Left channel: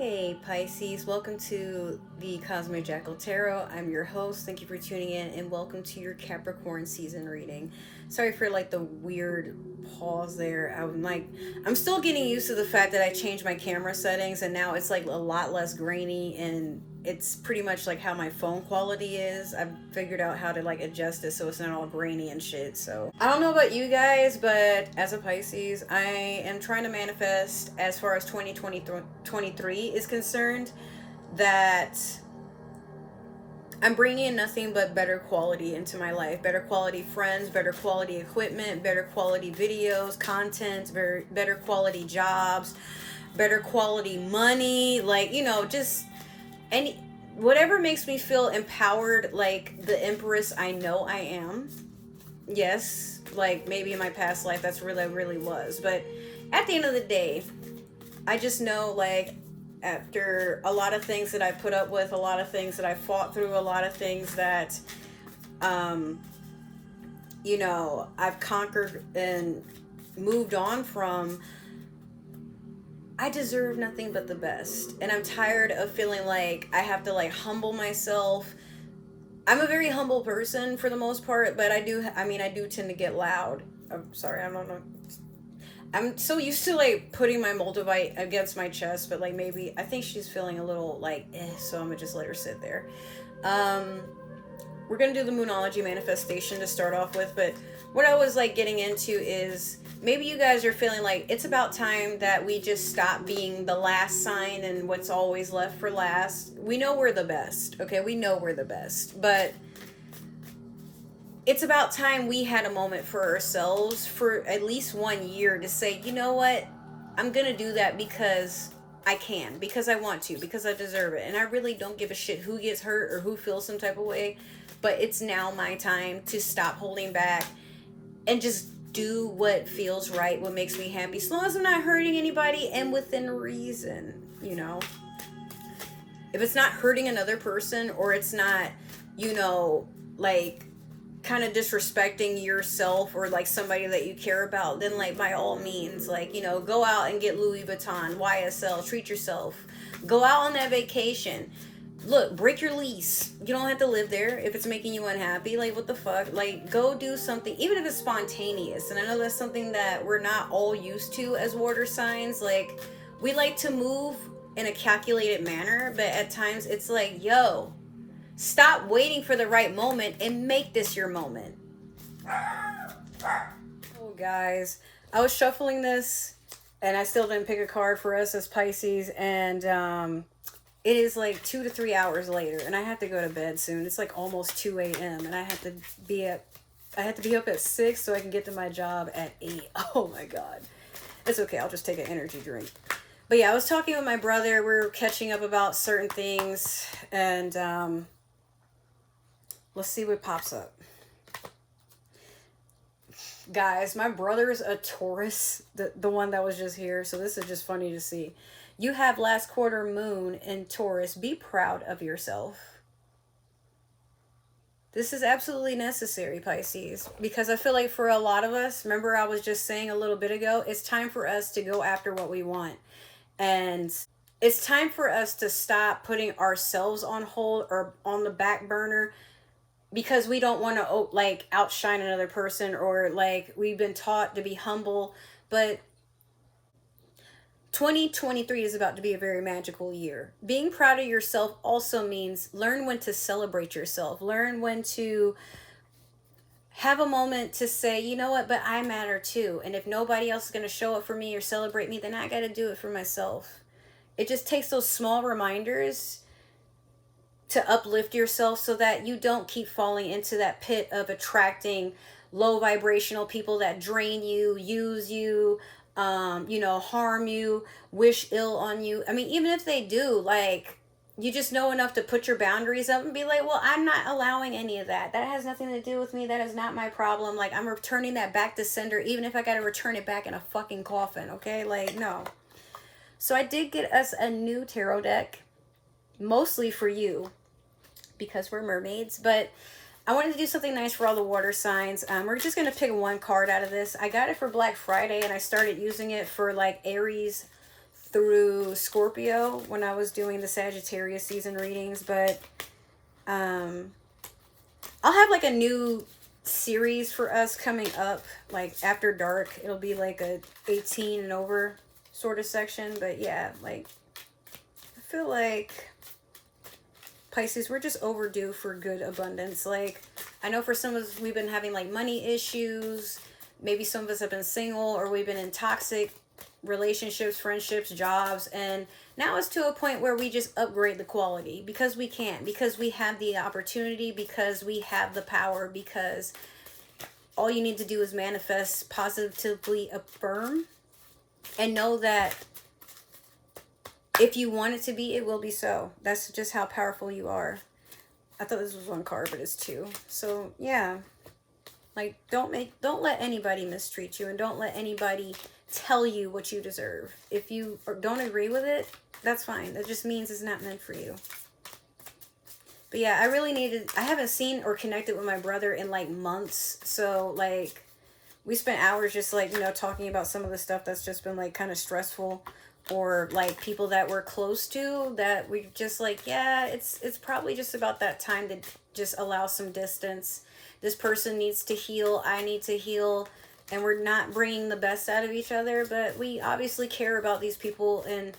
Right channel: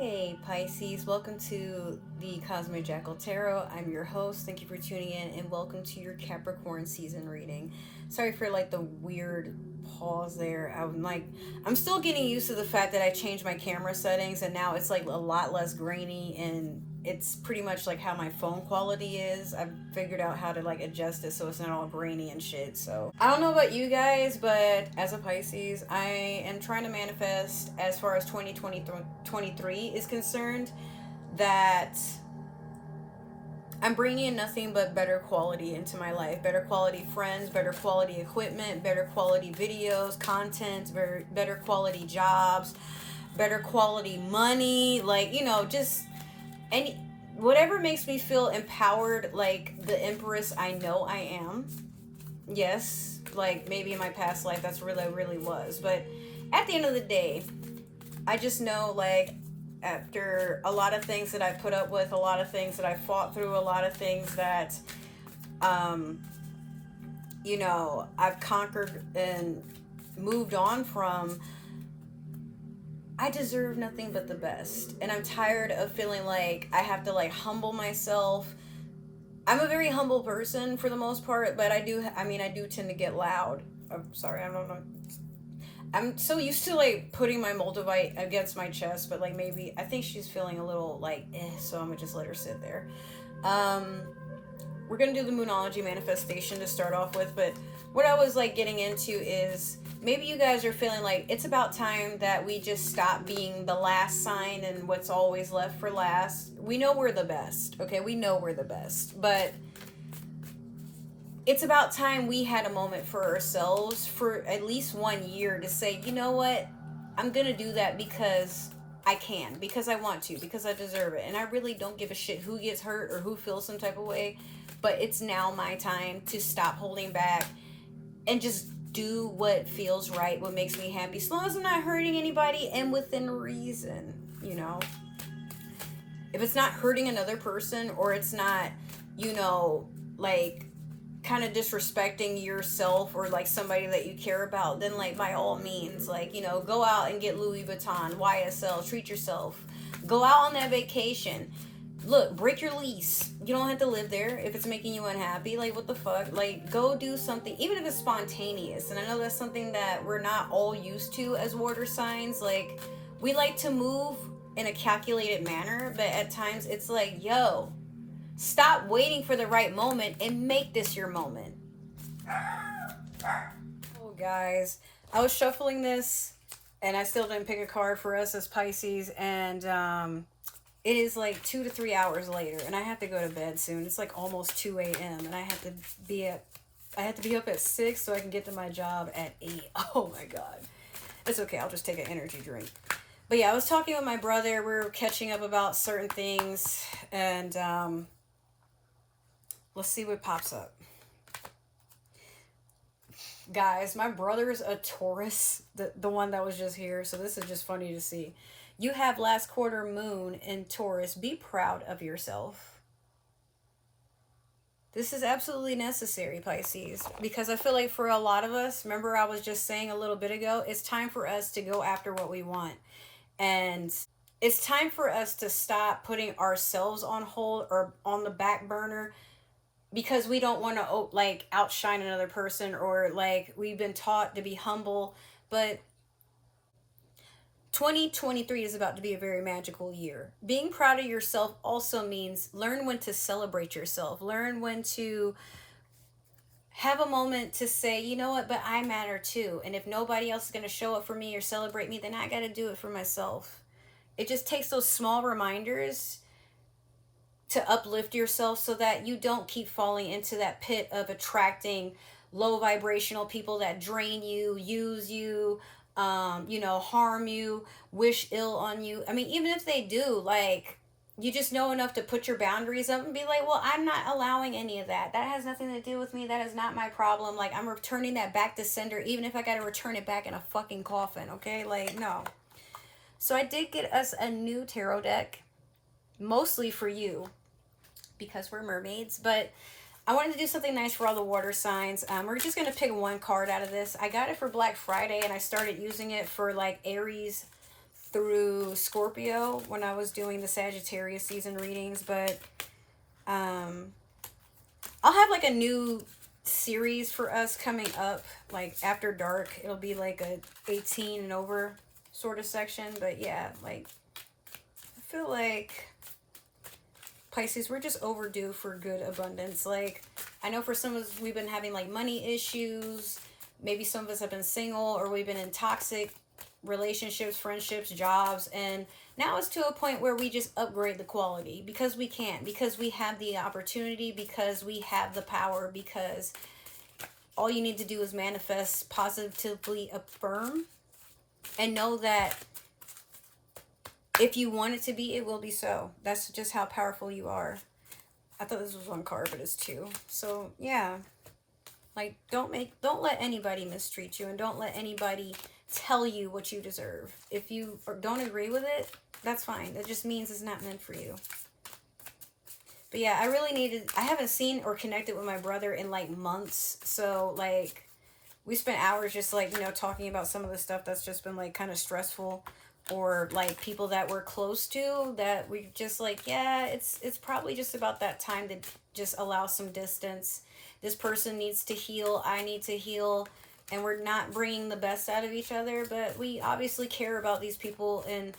Hey Pisces, welcome to the Cosmic Jackal Tarot. I'm your host. Thank you for tuning in and welcome to your Capricorn season reading. Sorry for like the weird pause there. I'm still getting used to the fact that I changed my camera settings and now it's like a lot less grainy and it's pretty much like how my phone quality is. I've figured out how to like adjust it so it's not all grainy and shit. So I don't know about you guys, but as a Pisces, I am trying to manifest as far as 2023 is concerned that I'm bringing in nothing but better quality into my life. Better quality friends, better quality equipment, better quality videos, content, better quality jobs, better quality money, like, you know, just any whatever makes me feel empowered, like the empress I know I am. Yes, like maybe in my past life that's really really was, but at the end of the day, I just know, like, after a lot of things that I put up with, a lot of things that I fought through, a lot of things that you know, I've conquered and moved on from, I deserve nothing but the best. And I'm tired of feeling like I have to like humble myself. I'm a very humble person for the most part, but I do tend to get loud. I'm sorry, I don't know. I'm so used to like putting my multivite against my chest, but like maybe I think she's feeling a little like so I'm gonna just let her sit there. We're gonna do the Moonology manifestation to start off with, but what I was like getting into is maybe you guys are feeling like it's about time that we just stop being the last sign and what's always left for last. We know we're the best, okay? We know we're the best, but it's about time we had a moment for ourselves for at least 1 year to say, you know what? I'm gonna do that because I can, because I want to, because I deserve it. And I really don't give a shit who gets hurt or who feels some type of way, but it's now my time to stop holding back and just do what feels right, what makes me happy, as long as I'm not hurting anybody and within reason, you know? If it's not hurting another person or it's not, you know, like kind of disrespecting yourself or like somebody that you care about, then like by all means, like, you know, go out and get Louis Vuitton, YSL, treat yourself, go out on that vacation. Look, break your lease. You don't have to live there if it's making you unhappy. Like, what the fuck? Like, go do something, even if it's spontaneous. And I know that's something that we're not all used to as water signs. Like, we like to move in a calculated manner, but at times it's like, yo, stop waiting for the right moment and make this your moment. Oh, guys, I was shuffling this and I still didn't pick a card for us as Pisces, and it is like 2 to 3 hours later and I have to go to bed soon. It's like almost 2 a.m. and I have to be up at 6 so I can get to my job at 8. Oh my god. It's okay, I'll just take an energy drink. But yeah, I was talking with my brother. We're catching up about certain things, and let's see what pops up. Guys, my brother's a Taurus, the one that was just here, so this is just funny to see. You have last quarter moon in Taurus. Be proud of yourself. This is absolutely necessary, Pisces, because I feel like for a lot of us, remember I was just saying a little bit ago, it's time for us to go after what we want. And it's time for us to stop putting ourselves on hold or on the back burner because we don't want to like outshine another person, or like we've been taught to be humble. But 2023 is about to be a very magical year. Being proud of yourself also means learn when to celebrate yourself. Learn when to have a moment to say, you know what, but I matter too. And if nobody else is going to show up for me or celebrate me, then I got to do it for myself. It just takes those small reminders to uplift yourself so that you don't keep falling into that pit of attracting low vibrational people that drain you, use you, you know, harm you, wish ill on you. I mean, even if they do, like, you just know enough to put your boundaries up and be like, well, I'm not allowing any of that. That has nothing to do with me. That is not my problem. Like, I'm returning that back to sender, even if I got to return it back in a fucking coffin, okay? Like, no. So I did get us a new tarot deck, mostly for you, because we're mermaids, but I wanted to do something nice for all the water signs. We're just going to pick one card out of this. I got it for Black Friday, and I started using it for, like, Aries through Scorpio when I was doing the Sagittarius season readings, but I'll have like a new series for us coming up, like after dark. It'll be like a 18 and over sort of section. But yeah, like I feel like Pisces, we're just overdue for good abundance. Like I know for some of us, we've been having like money issues. Maybe some of us have been single, or we've been in toxic relationships, friendships, jobs, and now it's to a point where we just upgrade the quality because we can, because we have the opportunity, because we have the power, because all you need to do is manifest, positively affirm, and know that if you want it to be, it will be so. That's just how powerful you are. I thought this was one card, but it's two. So yeah, like don't let anybody mistreat you, and don't let anybody tell you what you deserve. If you don't agree with it, that's fine. That just means it's not meant for you. But yeah, I haven't seen or connected with my brother in like months. So like we spent hours just like, you know, talking about some of the stuff that's just been like kind of stressful, or like people that we're close to that we just like, yeah, it's probably just about that time to just allow some distance. This person needs to heal. I need to heal. And we're not bringing the best out of each other, but we obviously care about these people. And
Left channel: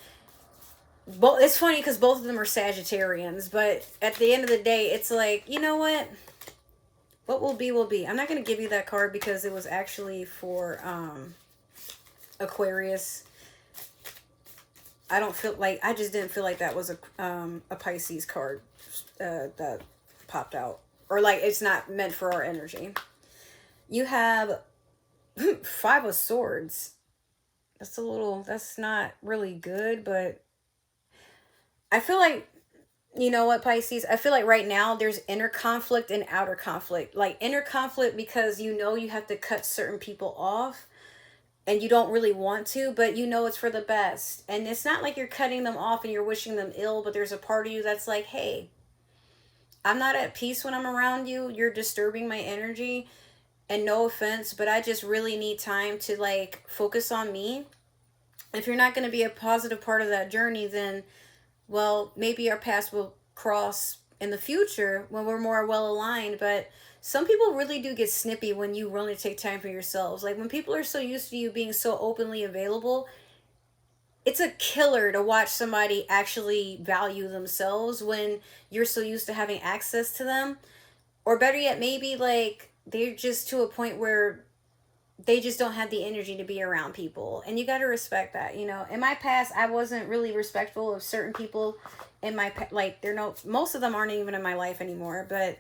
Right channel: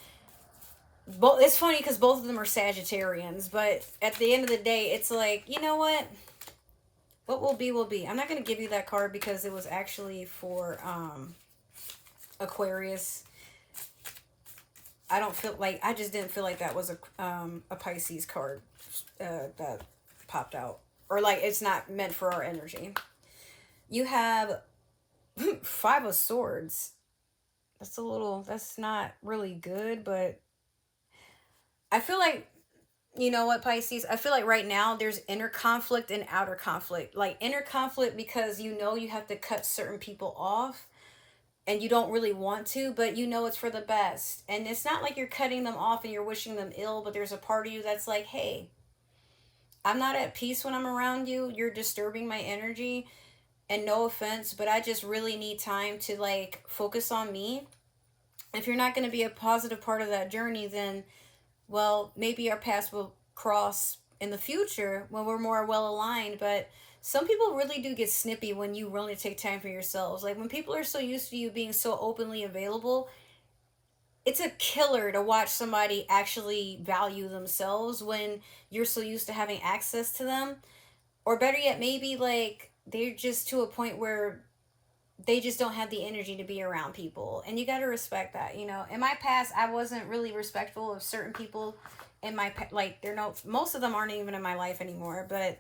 it's funny because both of them are Sagittarians, but at the end of the day, it's like, you know what will be will be. I'm not going to give you that card because it was actually for Aquarius. I just didn't feel like that was a Pisces card that popped out, or like it's not meant for our energy. You have 5 of Swords. That's not really good, but I feel like, you know what, Pisces? I feel like right now there's inner conflict and outer conflict. Like inner conflict because you know you have to cut certain people off and you don't really want to, but you know it's for the best. And it's not like you're cutting them off and you're wishing them ill, but there's a part of you that's like, hey, I'm not at peace when I'm around you. You're disturbing my energy. And no offense, but I just really need time to like focus on me. If you're not going to be a positive part of that journey, then, well, maybe our paths will cross in the future when we're more well aligned. But some people really do get snippy when you really take time for yourselves. Like when people are so used to you being so openly available, it's a killer to watch somebody actually value themselves when you're so used to having access to them. Or better yet, maybe like they're just to a point where they just don't have the energy to be around people. And you got to respect that, you know. In my past, I wasn't really respectful of certain people in my, like, most of them aren't even in my life anymore. But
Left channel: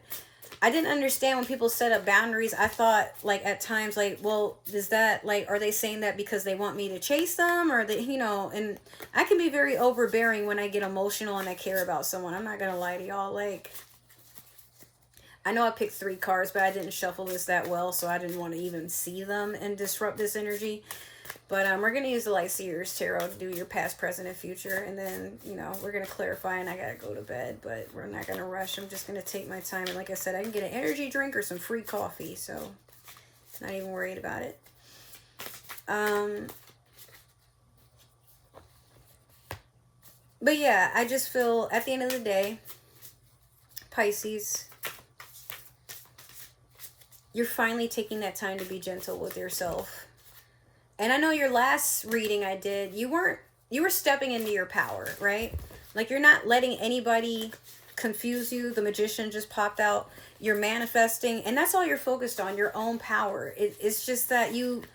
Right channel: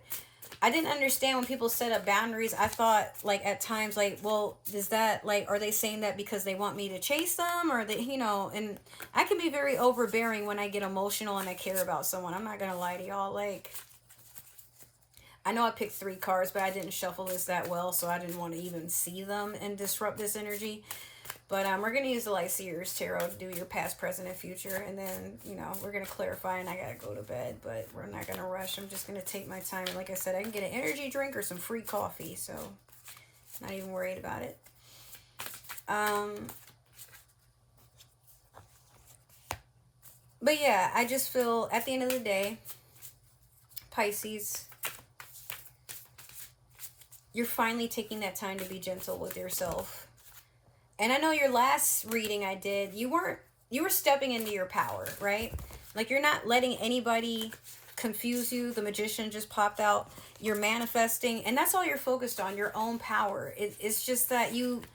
I didn't understand when people set up boundaries. I thought, like, at times, like, well, is that, like, are they saying that because they want me to chase them? Or they, you know, and I can be very overbearing when I get emotional and I care about someone. I'm not going to lie to y'all. Like, I know I picked 3 cards, but I didn't shuffle this that well, so I didn't want to even see them and disrupt this energy. But we're going to use the Light Seers Tarot to do your past, present, and future. And then, you know, we're going to clarify, and I got to go to bed. But we're not going to rush. I'm just going to take my time. And like I said, I can get an energy drink or some free coffee. So, not even worried about it. But yeah, I just feel at the end of the day, Pisces, you're finally taking that time to be gentle with yourself. And I know your last reading I did, you were stepping into your power, right? Like you're not letting anybody confuse you. The Magician just popped out. You're manifesting, and that's all you're focused on, your own power. It's just that you've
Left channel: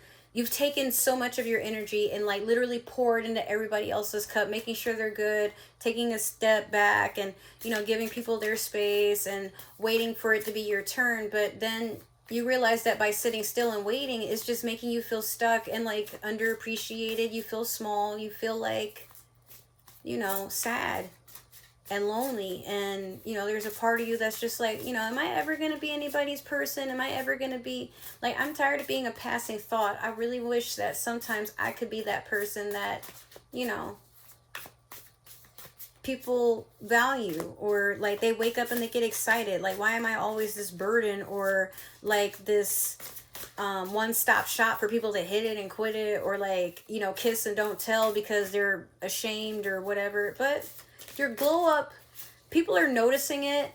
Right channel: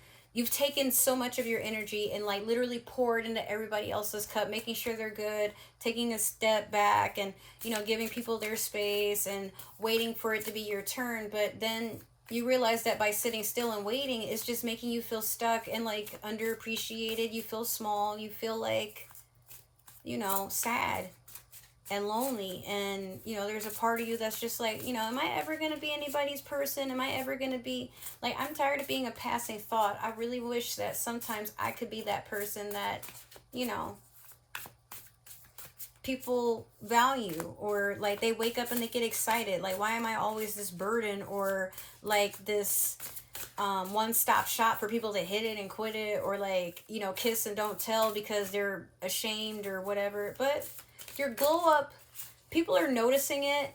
taken so much of your energy and like literally poured into everybody else's cup, making sure they're good, taking a step back and, you know, giving people their space and waiting for it to be your turn. But then you realize that by sitting still and waiting is just making you feel stuck and like underappreciated. You feel small. You feel like, you know, sad and lonely. And, you know, there's a part of you that's just like, you know, am I ever going to be anybody's person? Am I ever going to be like, I'm tired of being a passing thought. I really wish that sometimes I could be that person that, you know, people value, or like they wake up and they get excited. Like, why am I always this burden or like this one-stop shop for people to hit it and quit it, or like, you know, kiss and don't tell because they're ashamed or whatever. But your glow up, people are noticing it.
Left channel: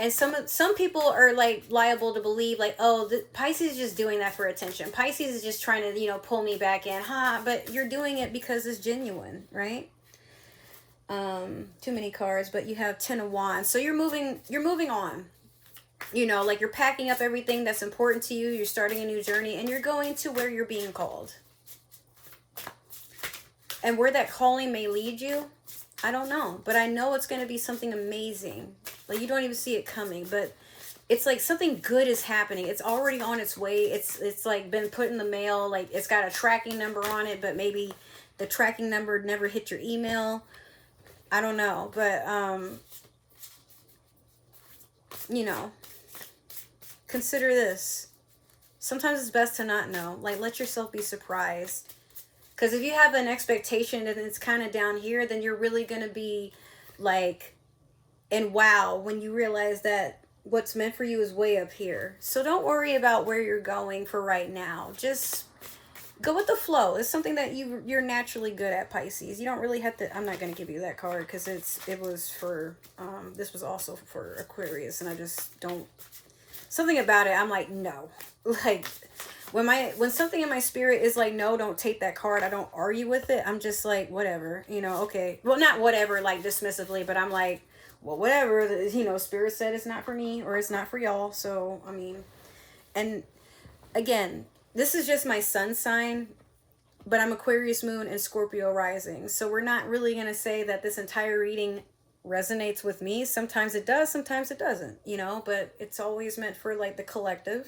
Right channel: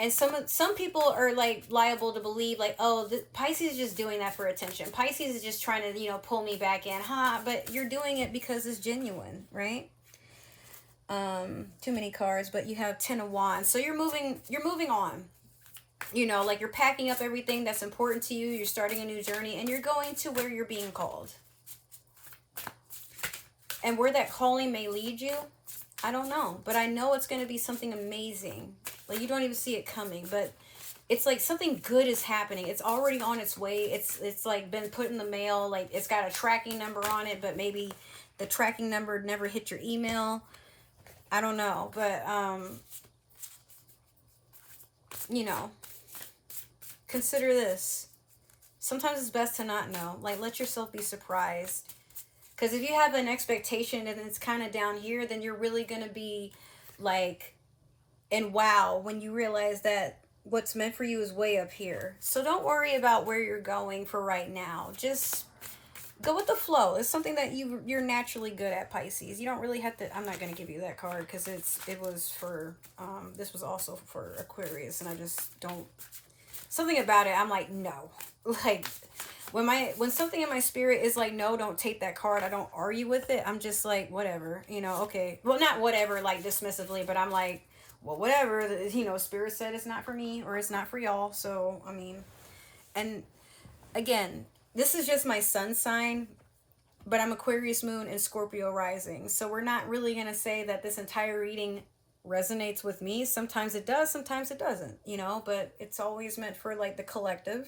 And some people are like liable to believe like, oh, Pisces is just doing that for attention. Pisces is just trying to, you know, pull me back in. But you're doing it because it's genuine, right? Too many cards, but you have 10 of Wands. So you're moving on. You know, like you're packing up everything that's important to you. You're starting a new journey and you're going to where you're being called. And where that calling may lead you, I don't know. But I know it's going to be something amazing. Like you don't even see it coming, but it's like something good is happening. It's already on its way. It's like been put in the mail. Like it's got a tracking number on it, but maybe the tracking number never hit your email. I don't know, but you know, consider this. Sometimes it's best to not know. Like let yourself be surprised. Because if you have an expectation and it's kind of down here, then you're really going to be like, and wow, when you realize that what's meant for you is way up here. So don't worry about where you're going for right now. Just go with the flow. It's something that you're naturally good at, Pisces. You don't really have to, I'm not going to give you that card because it was for, this was also for Aquarius, and I just don't, something about it, I'm like, no. Like, when something in my spirit is like, no, don't take that card, I don't argue with it. I'm just like, whatever, you know, okay. Well, not whatever, like dismissively, but I'm like, well, whatever, you know, spirit said it's not for me or it's not for y'all. So, I mean, and again, this is just my sun sign, but I'm Aquarius moon and Scorpio rising. So we're not really going to say that this entire reading resonates with me. Sometimes it does, sometimes it doesn't, you know, but it's always meant for like the collective.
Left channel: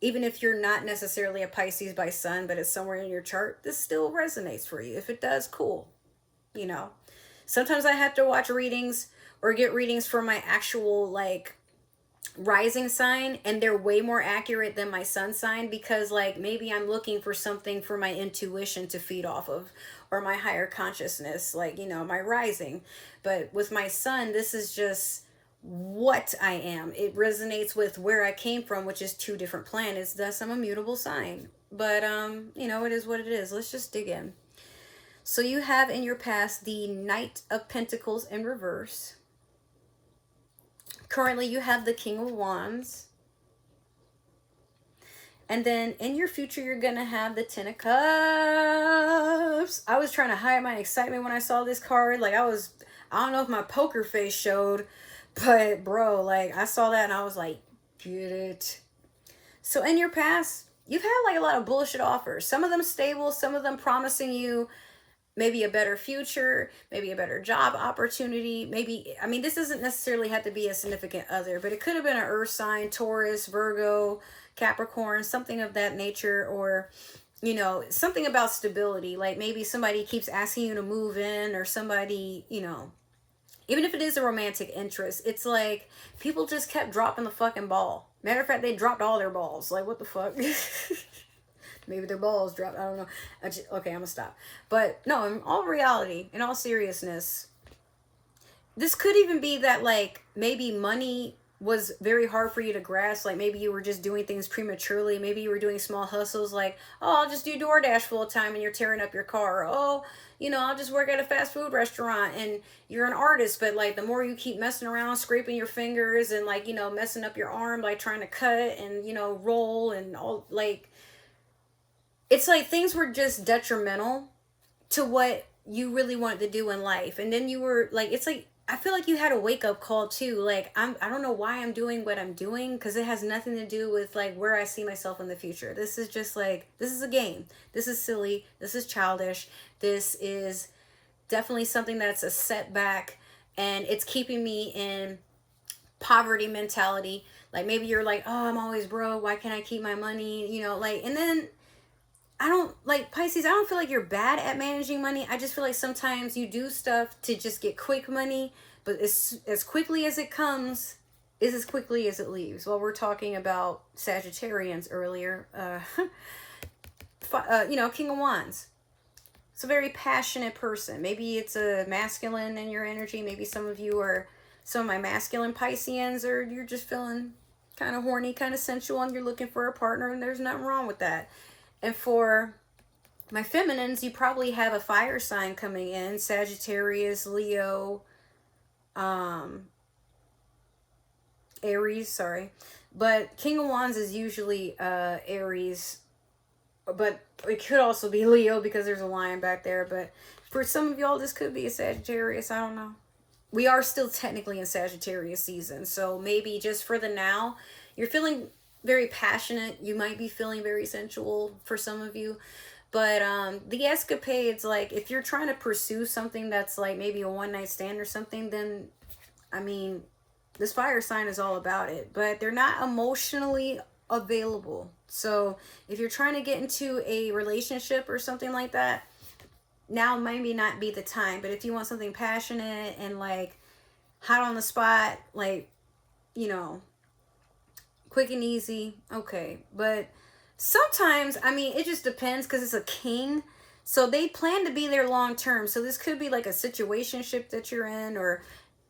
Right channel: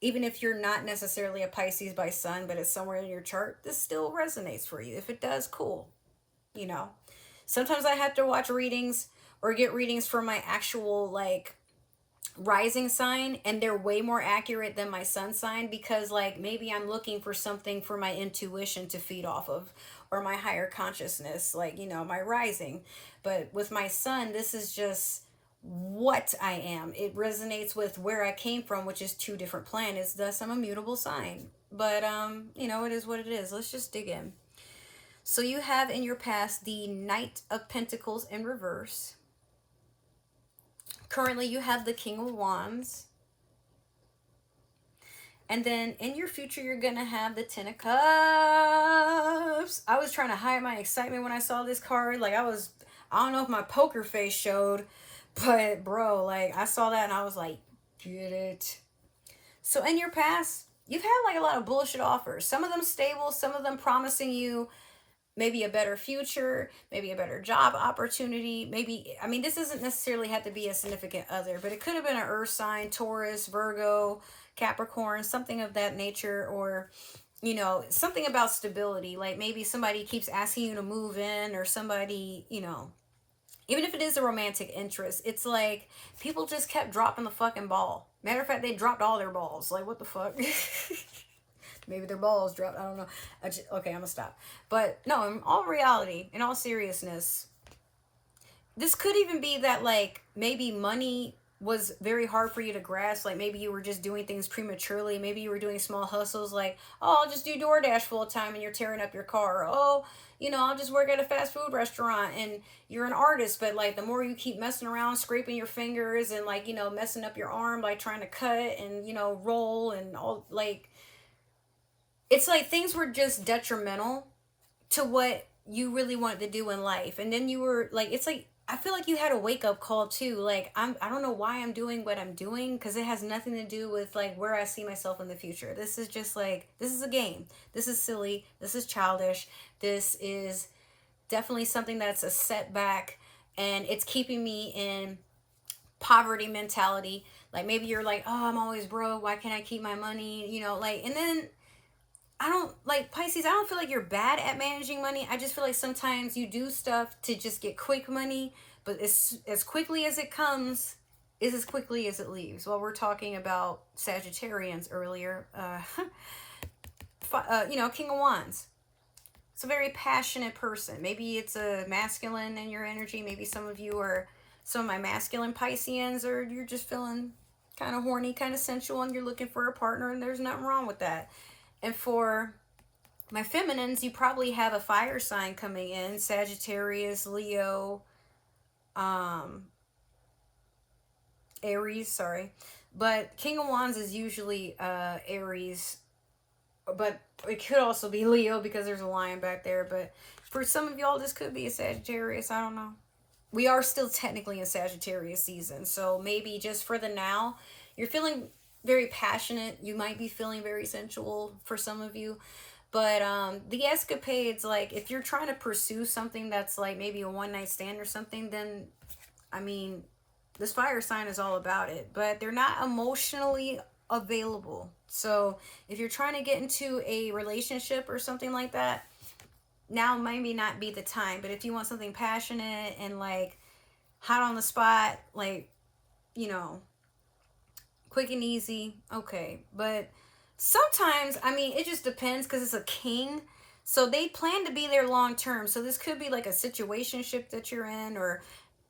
Even if you're not necessarily a Pisces by sun, but it's somewhere in your chart, this still resonates for you. If it does, cool. You know, sometimes I have to watch readings or get readings for my actual like rising sign, and they're way more accurate than my sun sign because like maybe I'm looking for something for my intuition to feed off of, or my higher consciousness, like, you know, my rising. But with my sun, this is just what I am. It resonates with where I came from, which is 2 different planets. Thus I'm a mutable sign. But you know, it is what it is. Let's just dig in. So you have in your past the Knight of Pentacles in reverse. Currently you have the King of Wands. And then in your future, you're going to have the 10 of Cups. I was trying to hide my excitement when I saw this card. Like I don't know if my poker face showed, but bro, like I saw that and I was like, get it. So in your past, you've had like a lot of bullshit offers. Some of them stable, some of them promising you maybe a better future, maybe a better job opportunity. Maybe, I mean, this doesn't necessarily have to be a significant other, but it could have been an earth sign, Taurus, Virgo, Capricorn, something of that nature, or, you know, something about stability. Like maybe somebody keeps asking you to move in, or somebody, you know, even if it is a romantic interest, it's like people just kept dropping the fucking ball. Matter of fact, they dropped all their balls. Like, what the fuck? Maybe their balls dropped. I don't know. Okay, I'm gonna stop. But no, in all reality, in all seriousness, this could even be that like maybe money was very hard for you to grasp. Like maybe you were just doing things prematurely. Maybe you were doing small hustles like, oh, I'll just do Doordash full time and you're tearing up your car. Or, oh, you know, I'll just work at a fast food restaurant, and you're an artist. But like the more you keep messing around, scraping your fingers and like, you know, messing up your arm, like trying to cut and, you know, roll and all, like, it's like things were just detrimental to what you really wanted to do in life. And then you were like, it's like, I feel like you had a wake up call too. Like, I don't know why I'm doing what I'm doing, because it has nothing to do with like where I see myself in the future. This is just like, this is a game. This is silly. This is childish. This is definitely something that's a setback, and it's keeping me in poverty mentality. Like maybe you're like, oh, I'm always broke. Why can't I keep my money? You know, like, and then I don't, like, Pisces, I don't feel like you're bad at managing money. I just feel like sometimes you do stuff to just get quick money, but as quickly as it comes is as quickly as it leaves. Well, we're talking about Sagittarians earlier. You know, King of Wands. It's a very passionate person. Maybe it's a masculine in your energy. Maybe some of you are some of my masculine Pisceans, or you're just feeling kind of horny, kind of sensual, and you're looking for a partner, and there's nothing wrong with that. And for my feminines, you probably have a fire sign coming in, Sagittarius, Leo, Aries, sorry. But King of Wands is usually Aries, but it could also be Leo because there's a lion back there. But for some of y'all, this could be a Sagittarius. I don't know. We are still technically in Sagittarius season, so maybe just for the now, you're feeling very passionate. You might be feeling very sensual for some of you. But the escapades, like if you're trying to pursue something that's like maybe a one-night stand or something, then, I mean, this fire sign is all about it. But they're not emotionally available. So if you're trying to get into a relationship or something like that, now maybe not be the time. But if you want something passionate and like hot on the spot, like, you know, quick and easy, okay. But sometimes, I mean, it just depends because it's a king. So they plan to be there long term. So this could be like a situationship that you're in, or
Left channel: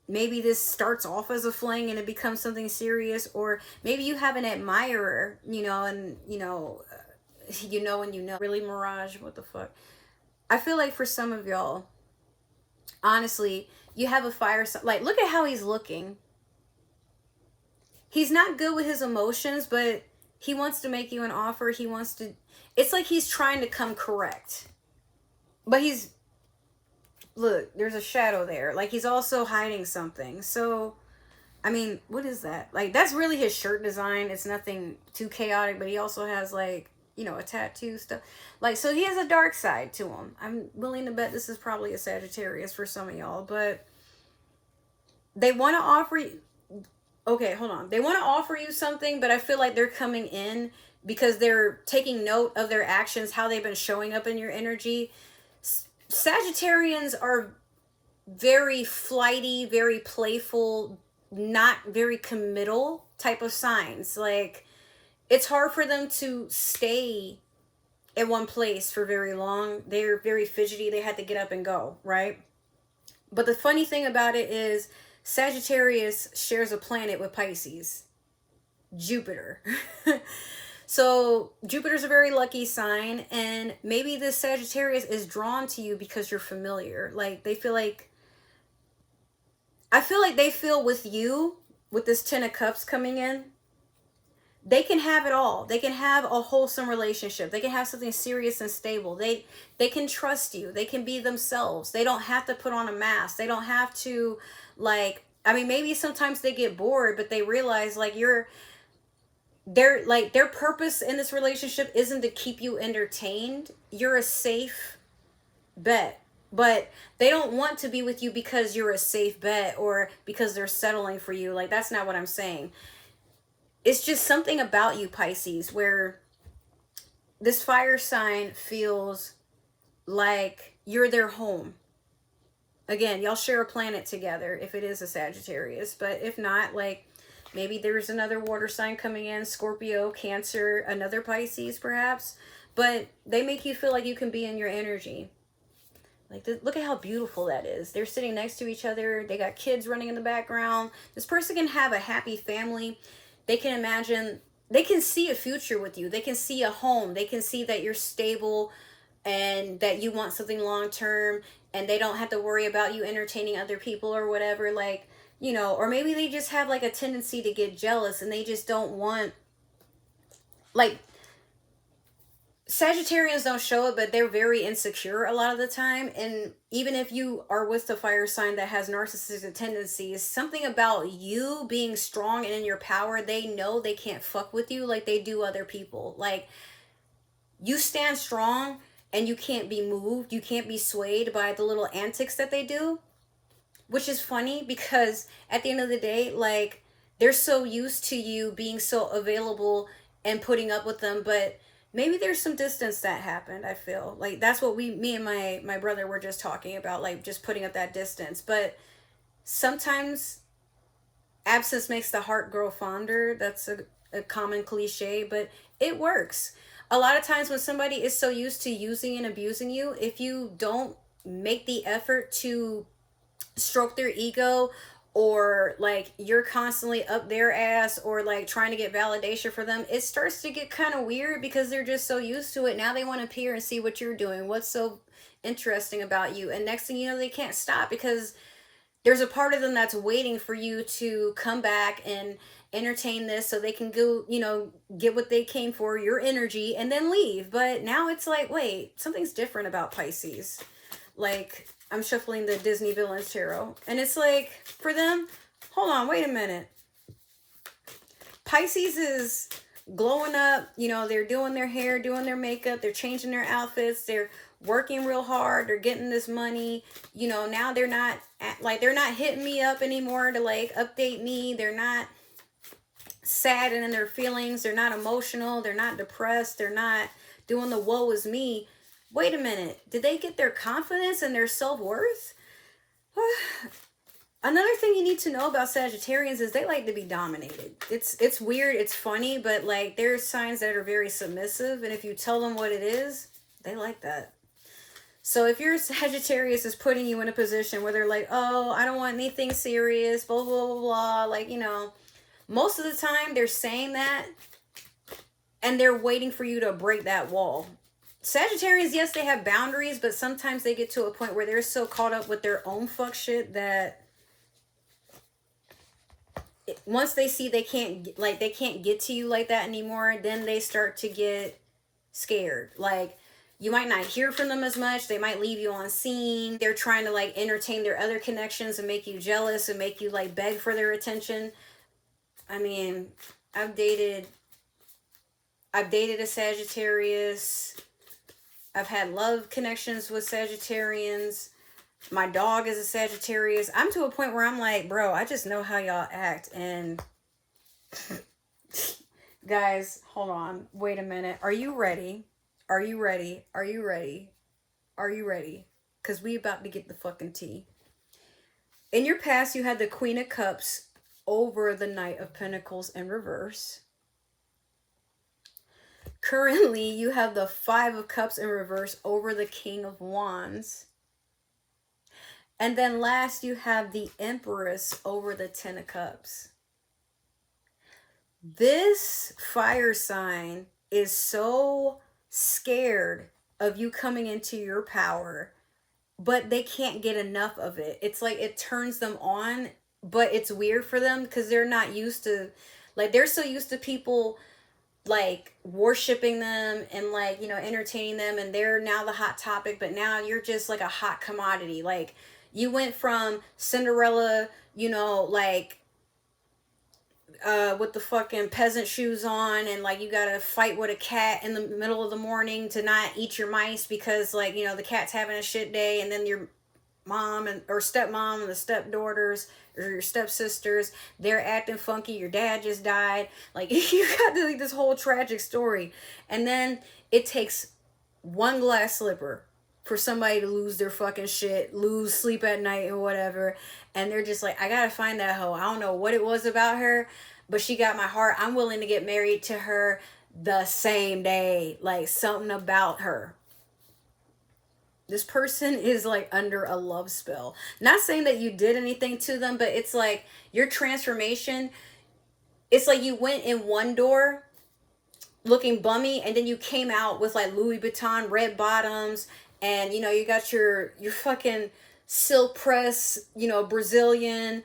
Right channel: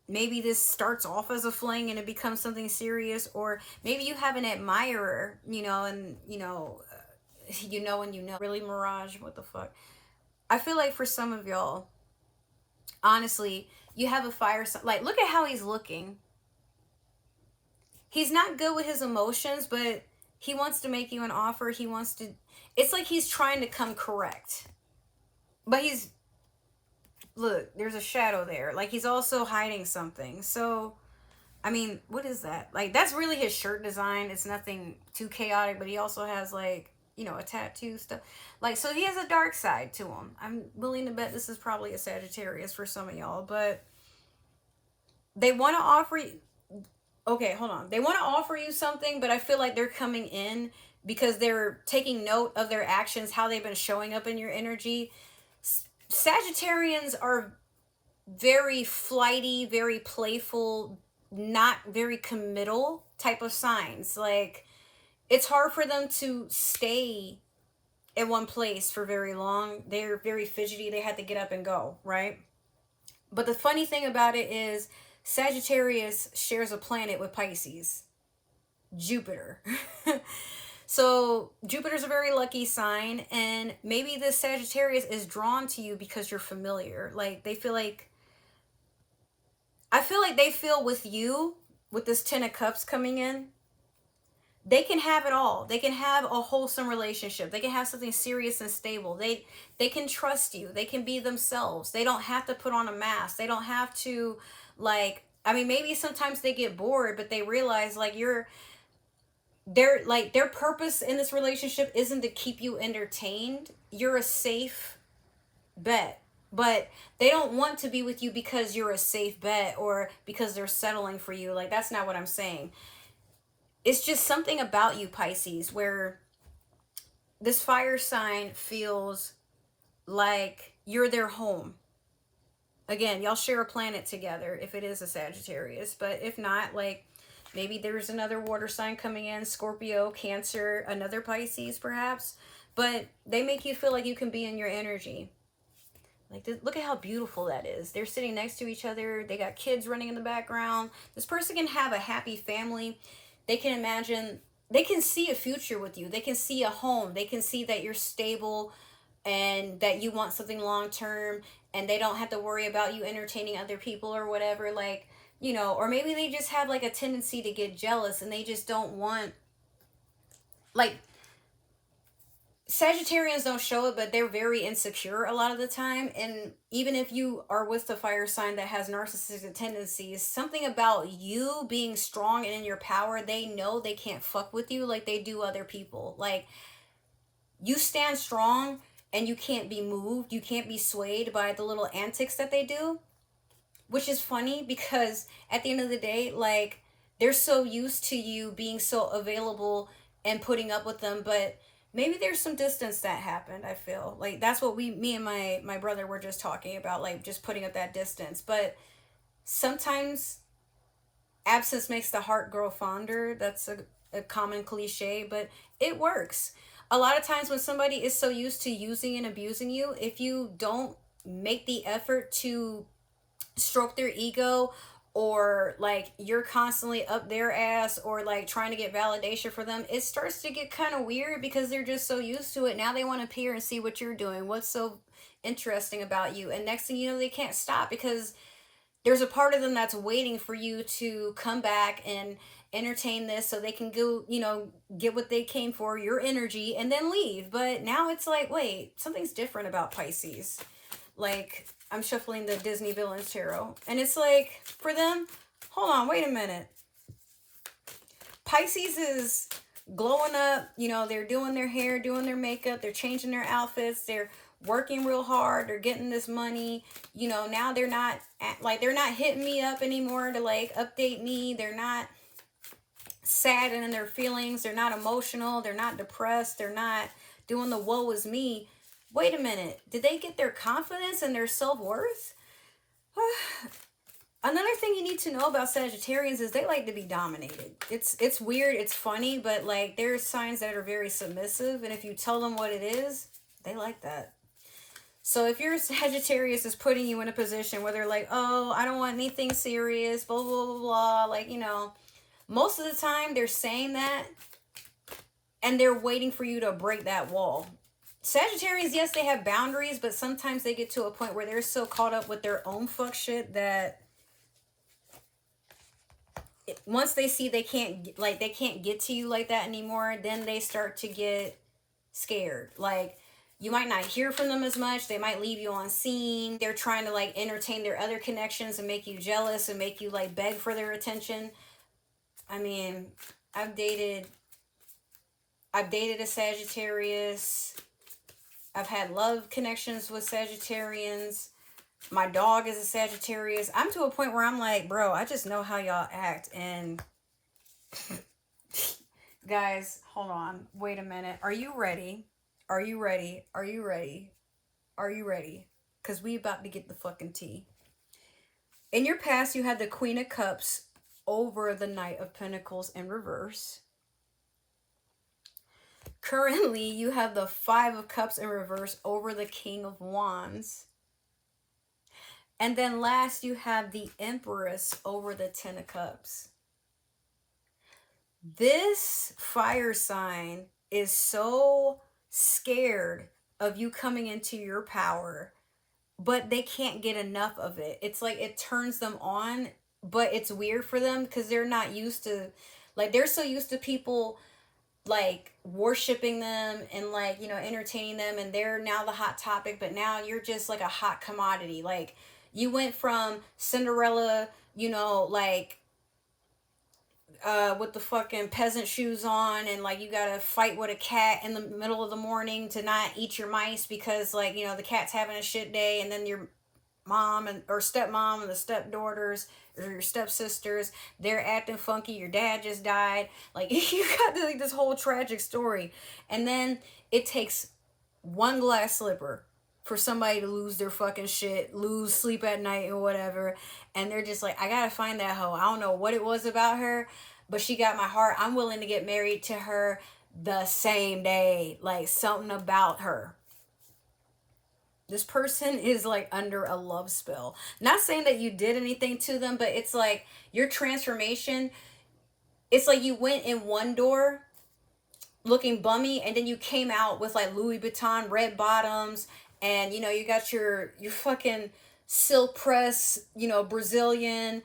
maybe this starts off as a fling and it becomes something serious, or maybe you have an admirer, you know, and you know, and you know. Really, Mirage, what the fuck? I feel like for some of y'all, honestly, you have a fire sign. Like, look at how he's looking. He's not good with his emotions, but he wants to make you an offer. He wants to, it's like he's trying to come correct. But he's, look, there's a shadow there. Like, he's also hiding something. So, I mean, what is that? Like, that's really his shirt design. It's nothing too chaotic, but he also has, like, you know, a tattoo stuff. Like, so he has a dark side to him. I'm willing to bet this is probably a Sagittarius for some of y'all, but they want to offer you, okay, hold on. They want to offer you something, but I feel like they're coming in because they're taking note of their actions, how they've been showing up in your energy. Sagittarians are very flighty, very playful, not very committal type of signs. Like, it's hard for them to stay in one place for very long. They're very fidgety. They had to get up and go, right? But the funny thing about it is Sagittarius shares a planet with Pisces, Jupiter. So Jupiter's a very lucky sign, and maybe this Sagittarius is drawn to you because you're familiar. Like, they feel like, I feel like they feel with you, with this Ten of Cups coming in, they can have it all. They can have a wholesome relationship. They can have something serious and stable. They can trust you. They can be themselves. They don't have to put on a mask. They don't have to, like, I mean, maybe sometimes they get bored, but they realize, like, their purpose in this relationship isn't to keep you entertained. You're a safe bet. But they don't want to be with you because you're a safe bet or because they're settling for you. Like, that's not what I'm saying. It's just something about you, Pisces, where this fire sign feels like you're their home. Again, y'all share a planet together if it is a Sagittarius. But if not, like, maybe there's another water sign coming in, Scorpio, Cancer, another Pisces perhaps. But they make you feel like you can be in your energy. Like, look at how beautiful that is. They're sitting next to each other. They got kids running in the background. This person can have a happy family. They can imagine, they can see a future with you. They can see a home. They can see that you're stable and that you want something long-term, and they don't have to worry about you entertaining other people or whatever. Like, you know, or maybe they just have like a tendency to get jealous and they just don't want, like, Sagittarians don't show it, but they're very insecure a lot of the time. And even if you are with the fire sign that has narcissistic tendencies, something about you being strong and in your power, they know they can't fuck with you like they do other people. Like, you stand strong and you can't be moved. You can't be swayed by the little antics that they do, which is funny because at the end of the day, like, they're so used to you being so available and putting up with them, but maybe there's some distance that happened. I feel like that's what me and my brother were just talking about, like, just putting up that distance. But sometimes absence makes the heart grow fonder. That's a common cliche, but it works. A lot of times when somebody is so used to using and abusing you, if you don't make the effort to stroke their ego or like you're constantly up their ass, or like trying to get validation for them, it starts to get kind of weird because they're just so used to it. Now they want to peer and see what you're doing, what's so interesting about you. And next thing you know, they can't stop because there's a part of them that's waiting for you to come back and entertain this so they can go, you know, get what they came for, your energy, and then leave. But now it's like, wait, something's different about Pisces. Like, I'm shuffling the Disney Villains Tarot, and it's like, for them, hold on, wait a minute. Pisces is glowing up, you know, they're doing their hair, doing their makeup, they're changing their outfits, they're working real hard, they're getting this money, you know. Now they're not hitting me up anymore to like update me. They're not sad and in their feelings, they're not emotional, they're not depressed, they're not doing the woe is me. Wait a minute, did they get their confidence and their self-worth? Another thing you need to know about Sagittarians is they like to be dominated. It's weird, it's funny, but like there's signs that are very submissive, and if you tell them what it is, they like that. So if your Sagittarius is putting you in a position where they're like, oh, I don't want anything serious, blah, blah, blah, blah, like, you know, most of the time they're saying that and they're waiting for you to break that wall. Sagittarians, yes, they have boundaries, but sometimes they get to a point where they're so caught up with their own fuck shit that once they see they can't get to you like that anymore, then they start to get scared. Like, you might not hear from them as much. They might leave you on scene. They're trying to like entertain their other connections and make you jealous and make you like beg for their attention. I mean, I've dated a Sagittarius. I've had love connections with Sagittarians. My dog is a Sagittarius. I'm to a point where I'm like, bro, I just know how y'all act. And guys, hold on. Wait a minute. Are you ready? Are you ready? Are you ready? Are you ready? Because we about to get the fucking tea. In your past, you had the Queen of Cups over the Knight of Pentacles in reverse. Currently, you have the Five of Cups in reverse over the King of Wands. And then last, you have the Empress over the Ten of Cups. This fire sign is so scared of you coming into your power, but they can't get enough of it. It's like it turns them on, but it's weird for them because they're not used to, like, they're so used to people like worshiping them and like, you know, entertaining them, and they're now the hot topic, but now you're just like a hot commodity. Like, you went from Cinderella, you know, like with the fucking peasant shoes on, and like you gotta fight with a cat in the middle of the morning to not eat your mice because, like, you know, the cat's having a shit day, and then your mom or stepmom and the stepdaughters or your stepsisters, they're acting funky, your dad just died, like you got like this whole tragic story, and then it takes one glass slipper for somebody to lose their fucking shit, lose sleep at night and whatever, and they're just like, I gotta find that hoe. I don't know what it was about her, but she got my heart. I'm willing to get married to her the same day. Like, something about her. This person is like under a love spell. Not saying that you did anything to them, but it's like your transformation, it's like you went in one door looking bummy, and then you came out with like Louis Vuitton red bottoms, and you know, you got your fucking silk press, you know, Brazilian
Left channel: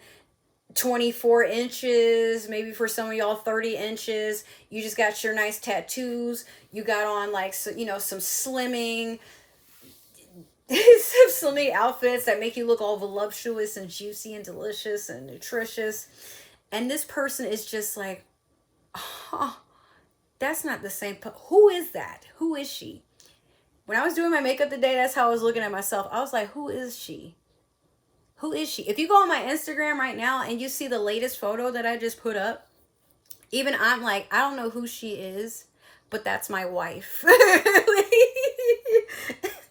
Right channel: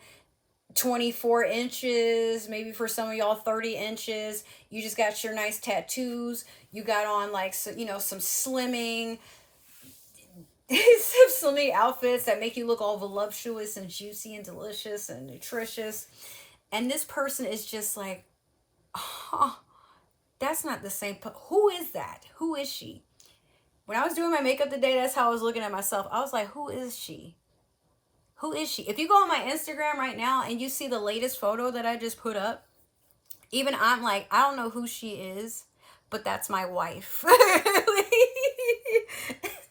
24 inches, maybe for some of y'all 30 inches. You just got your nice tattoos. You got on like, so, you know, some slimming outfits that make you look all voluptuous and juicy and delicious and nutritious. And this person is just like, oh, that's not the same. Who is that? Who is she? When I was doing my makeup today, that's how I was looking at myself. I was like, who is she? Who is she? If you go on my Instagram right now and you see the latest photo that I just put up, even I'm like, I don't know who she is, but that's my wife.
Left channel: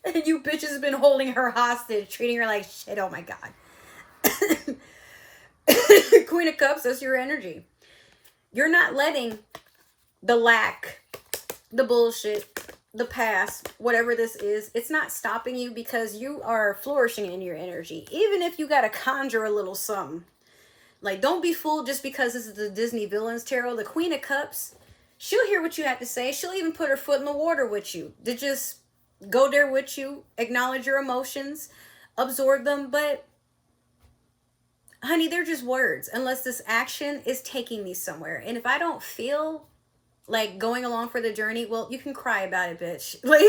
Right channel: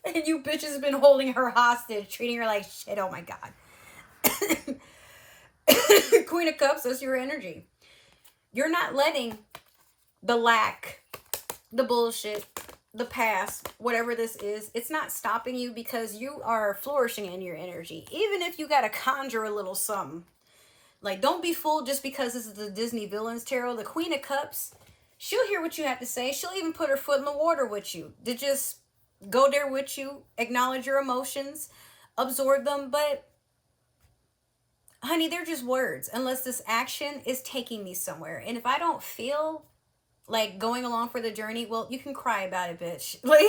And you bitches have been holding her hostage, treating her like shit. Oh my God. Queen of Cups, that's your energy. You're not letting the lack, the bullshit, the past, whatever this is, it's not stopping you because you are flourishing in your energy. Even if you got to conjure a little something, Like, don't be fooled just because this is the Disney Villains Tarot. The Queen of Cups, she'll hear what you have to say. She'll even put her foot in the water with you to just go there with you, acknowledge your emotions, absorb them. But, honey, they're just words unless this action is taking me somewhere. And if I don't feel like going along for the journey, well, you can cry about it, bitch. Like,